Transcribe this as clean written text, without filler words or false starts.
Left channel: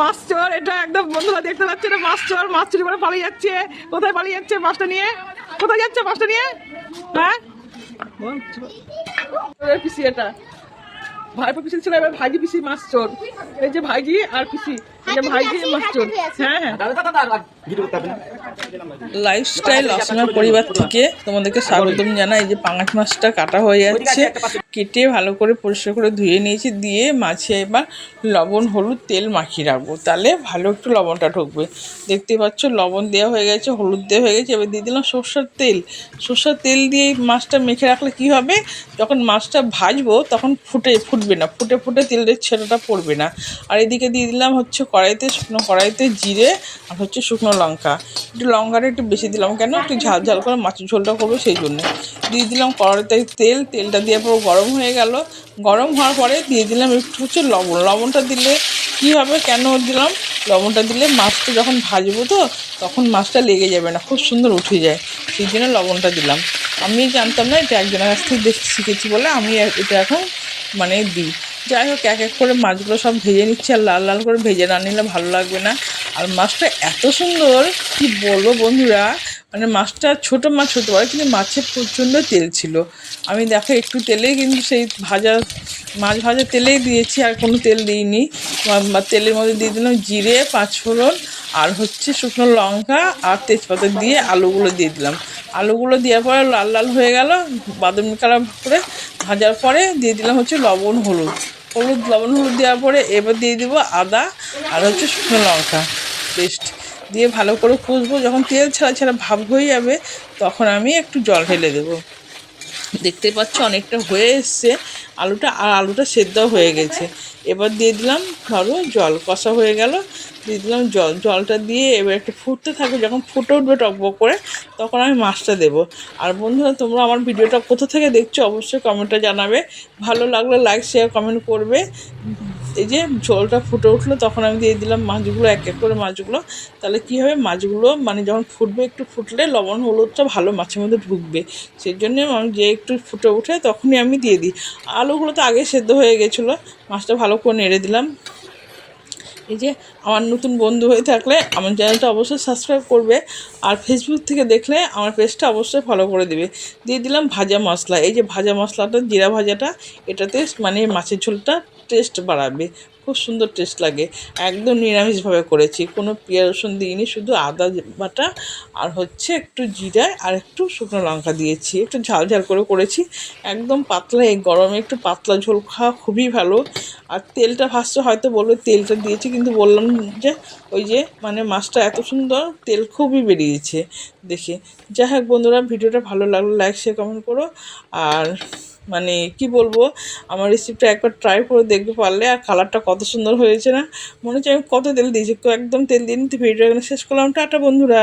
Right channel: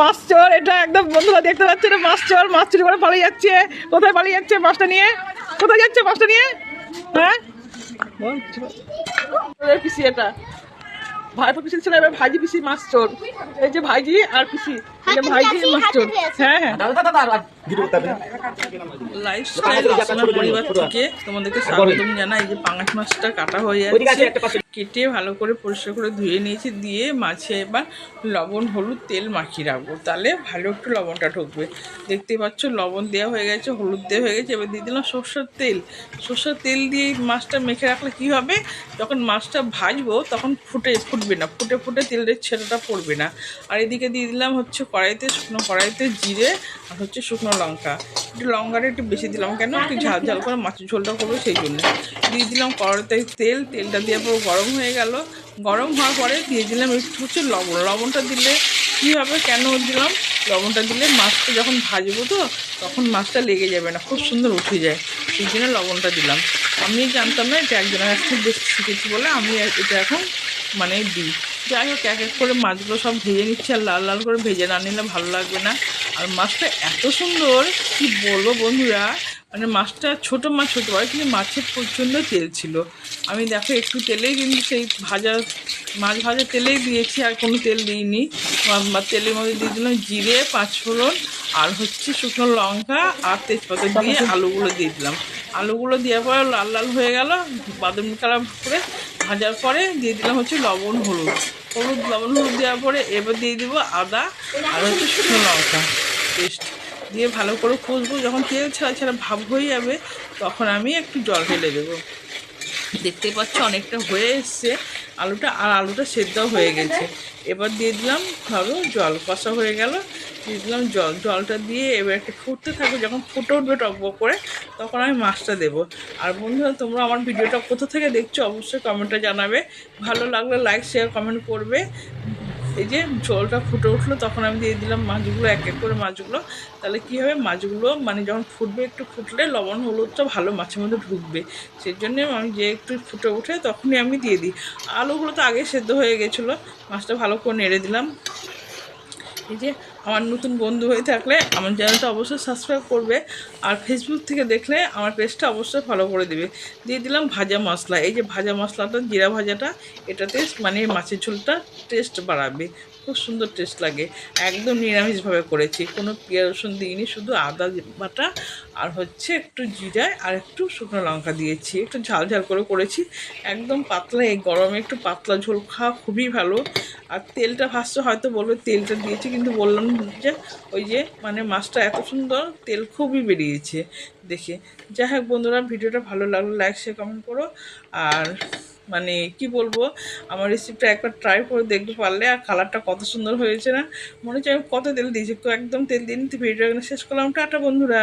মাছ চোর, এটা একদম বন্ধুরা দেখতে পাচ্ছে, এটা মাছ চোর, মাছ চুরি করে পালিয়ে যাচ্ছে। কোথায় পালিয়ে যাচ্ছে মাছটা নিয়ে? কোথায় যাচ্ছে মাছটা নিয়ে? হ্যাঁ পিসি, এটা ভাইপো পিসি ছিল, এবার ভাইজি পিসি মাছ চোর। এই যে ভাইজি আর পিসি, এই যে ভাইজি মাছ চোর। হ্যাঁ হ্যাঁ, লাইফস্টাইল রচনার পরিবার থেকে তোমাদেরকে স্বাগতম জানাই। এই যে পাঙাশ মাছটা কাটা হয়ে যাচ্ছে, কেটে ভালো করে পরিষ্কার করে ধুয়ে নিয়েছি। দিয়ে মাছে এবার লবণ হলুদ তেল মাখিয়ে রাখবো, তাহলে ভালো একটু লবণটা ঢুকবে। দেখতে পাচ্ছ লবণ দেওয়া হয়ে গেছে, হলুদ দেওয়া হয়ে গেছে। এবার দিয়ে দিলাম সর্ষের তেল। সর্ষের তেল দিয়ে মাছটা মেখে রাখলে কি হবে, যখন মাছটা ভাজবো তখন ফুটবে না, ফুটে ফুটে তেলের ছেলেটা পড়বে না। আর এদিকে দিয়ে দিলাম হচ্ছে কড়াইতে, শুকনো কড়াইতে জিরে আর হচ্ছে শুকনো লঙ্কা। একটু লঙ্কাটা একটু বেশি দিলাম, কেন একটু ঝাল ঝাল করে মাছের ঝোলটা করবো সেই জন্যে। দিয়ে দিলাম কড়াইতে তেলটা দিয়ে পুরো গরম হয়ে গেল। গরম হওয়ার পরে দিয়ে দিলাম একটু হচ্ছে লবণ। লবণটা দিলে কী হবে, কেন দিলাম লবণটা দিলে মাছটা যখন ভাজবো তো তখন মাছটা লেগে যাবে না, খুব সুন্দর উঠে যায়, সেই জন্য লবণটা দিলাম। আমি জানতাম না, এটা একজনের কাছ থেকে বেশি শিখেছি বলে আমি এটা এখন মানে দিই। যাই হোক, এক এক করে মাছগুলো সব ভেজে নিচ্ছি, আর লাল লাল করে ভেজে না নিলে ভালো লাগবে না। আর মাছটা এত সুন্দর কি বলবো বন্ধুরা, মানে মাছটা ছোটো মাছ হতে পারে কিন্তু মাছের প্রচণ্ড তেল ছিল। আমি দেখো একটু তেলেই কিন্তু সেই মাছ ভাজা তেলেই দিয়েছি, আর কোনো তেল দিইনি। তেলের মধ্যে দিয়ে দিলাম জিরে, পাঁচফোড়ন আর হচ্ছে শুকনো লঙ্কা আর তেজপাতা দিয়ে আলুগুলো দিয়ে দিলাম। আলুগুলো দেওয়ার পরে লাল লাল হয়ে গেল, বাদামি কালার করে ভাজার পরে দিয়ে দিলাম হচ্ছে লবণ লবণ হলুদ দেওয়ার পরে এবার দিয়ে দিব আদা আর হচ্ছে শুকনো লঙ্কা পেস্ট দিয়ে ভালো করে কষবো। যখন তেল ছাড়া ছাড়া ভাব হয়ে যাবে তখন আমি একটু জল ঢেলে দেবো। দেখতে পাচ্ছ অনেকটা হয়ে এসছে আলুটা সেদ্ধ হয়ে গেছে। এবার দিয়ে দিলাম ধরো জল, কষা হয়ে গেল, দিয়ে দিলাম জলটা দিয়ে এবার একটু ফুটতে থাকবে। যখন ফুটে উঠবে টকবক করে তখন আমি মাছটা দেবো। আর বন্ধুরা, তোমরা আমার ভিডিওটা কোথা থেকে দেখছো অবশ্যই কমেন্টে জানাবে। ভালো লাগলে লাইক শেয়ার কমেন্ট করবে। এই যে ঝোলটা ফুটে উঠলো তখন আমি দিয়ে দিলাম মাছগুলো, এক এক করে মাছগুলো। তাহলে কী হবে, মাছগুলো মানে যখন ফুটবে, একটু ফুটলে লবণ হলুদটা ভালো মাছের মধ্যে ঢুকবে। সেই জন্যে আমি যে একটু ফুটে উঠে তখনই আমি দিয়ে দিই। আলুগুলো তো আগে সেদ্ধ হয়ে গেছিলো, মাছটা ভালো করে নেড়ে দিলাম। এই যে আমার নতুন বন্ধু হয়ে থাকলে আমার চ্যানেলটা অবশ্যই সাবস্ক্রাইব করবে, আর ফেসবুক থেকে দেখলে আমার পেজটা অবশ্যই ফলো করে দেবে। দিয়ে দিলাম ভাজা মশলা। এই যে ভাজা মশলাটা, জিরা ভাজাটা, এটাতে মানে মাছের ঝোলটা টেস্ট বাড়াবে, খুব সুন্দর টেস্ট লাগে। একদম নিরামিষভাবে করেছি, কোনো পেঁয়াজ রসুন দিইনি, শুধু আদা বাটা আর হচ্ছে একটু জিরা আর একটু শুকনো লঙ্কা দিয়েছি, একটু ঝাল ঝাল করে করেছি। একদম পাতলা, এই গরমে একটু পাতলা ঝোল খাওয়া খুবই ভালো। আর তেলটা ফার্স্টে হয়তো বলবে তেলটা দিয়েছি, কিন্তু বললাম যে ওই যে মানে মাছটা এত সুন্দর তেল খুবই বেরিয়েছে দেখে। যাই হোক বন্ধুরা, ভিডিওটা ভালো লাগলো লাইক শেয়ার কমেন্ট করো। আর মানে কি বলবো, আমার রেসিপিটা একবার ট্রাই করে দেখতে পারলে। আর কালারটা কত সুন্দর হয়েছে না, মনে হচ্ছে আমি কত তেল দিয়েছি, একদম তেল দিইনি। তো ভিডিওটা এখানে শেষ করলাম, টাটা বন্ধুরা।